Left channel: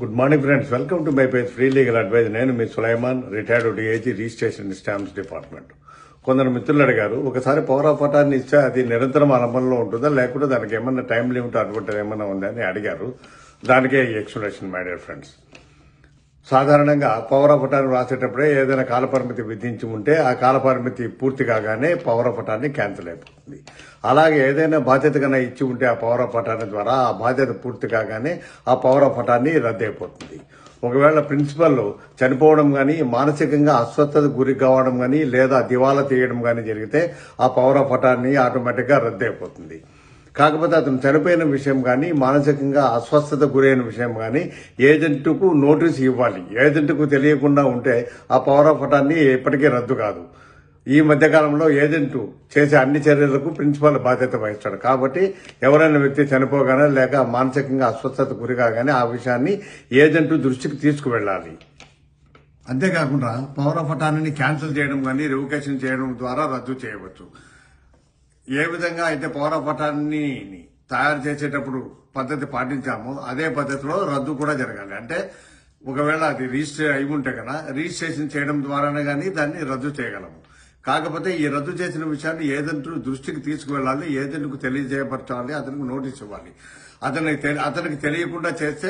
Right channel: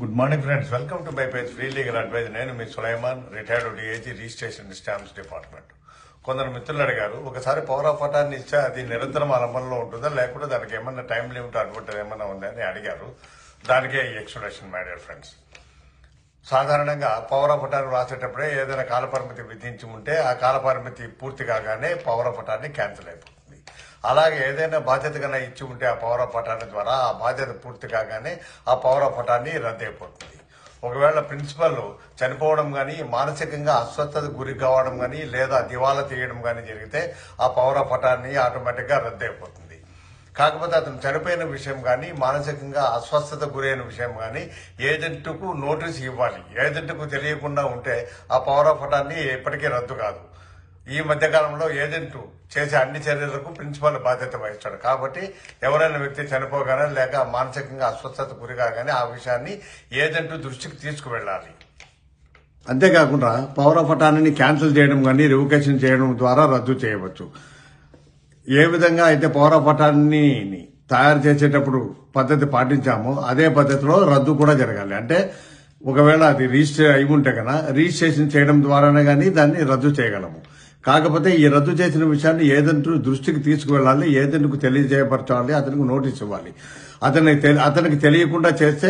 Good morning friends, welcome to my page free legal advice. నేను మీ Sulaiman, retired DIG, registration stamps department. కొందరు మిత్రులు అడిగారు, ఒకసారి పవర్ ఆఫ్ అటార్నీ ఇస్తే అది నిరంతరం అమల్లో ఉంటుందా, లేకుంటే దానికి ఏమన్నా టైం లిమిట్ అటువంటి ఏమన్నా ఉందని అడిగారు. దానికే ఈ ఎక్స్ప్లెనేషన్ మై డియర్ ఫ్రెండ్స్. సాధారణంగా పవర్ ఆఫ్ అటార్నీ రాసేటప్పుడే ఏదైనా కాలపరిమితి విధించి ఉంటే ఆ కాలపరిమితి పూర్తి కాగానే పవర్ ఆఫ్ అటార్నీ క్యాన్సిల్ అయిపోతుంది. అలాగే ఏదైనా బాధ్యత కన్నా ఇచ్చి ఉంటే ఆ పవర్ ఆఫ్ అటార్నీ ద్వారా ఆ బాధ్యత పూర్తి కాగానే ఆ పవర్ ఆఫ్ అటార్నీ రద్దు అయిపోతుంది. ఒకవేళ ప్రిన్సిపల్ చనిపోవడం గానీ, మానసికంగా అస్వస్థత గురి కావడం గానీ, లేదా దివాలా తీయడం గానీ జరిగితే ఆ పవర్ ఆఫ్ అటార్నీ ఆటోమేటిక్ గా రద్దు అయిపోతుంది. కాకపోతే అతను చనిపోయిన విషయం కానీ, మానసికంగా అస్వస్థత గురైన విషయం కానీ ఏజెంట్కు నోటీస్ ఇవ్వాలి. ఏజెంట్కు తెలియకుండా ఉంటే ఆ పవర్ ఆఫ్ అటార్నీ ఎప్పటికీ రద్దు కాదు. ఈ మధ్యకాలంలో ఏజెంట్ చేసే అన్ని చర్యలకు ప్రిన్సిపల్ బాధ్యత వహిస్తాడు. కాబట్టి ఎవరైనా వ్యక్తి చనిపోగానే లేక మానసికంగా అస్వస్థత గురి కాగానే ఆ విషయాన్ని ఏజెంట్ దృష్టికి తీసుకువెళ్లాలి. అంతేకాకుండా పవర్ ఆఫ్ అటార్నీని క్యాన్సిల్ చేయడం కానీ, రివోకేషన్ చేయడం ద్వారా రద్దు చేయవచ్చు. ఏ విధంగా అయితే పవర్ ఆఫ్ అటార్నీని తయారు చేసేటప్పుడు పద్ధతి పాటించామో అదే పద్ధతిలో రద్దు కూడా జరగాలి. అంటే ఒకవేళ అది రిజిస్టర్ అయి ఉంటే కనుక రిజిస్ట్రేషన్ చేయడం ద్వారానే కానీ దాన్ని రద్దు చేయగలము. కాకపోతే ఈ రద్దు చేసిన విషయాన్ని ఏజెంట్ దృష్టికి తీసుకువెళ్లాలి, ఏజెంట్కు తెలియజేయపరచాలి, అతనికి నోటీస్ ఇవ్వాలి. అతనికి తెలియకుండా చేస్తే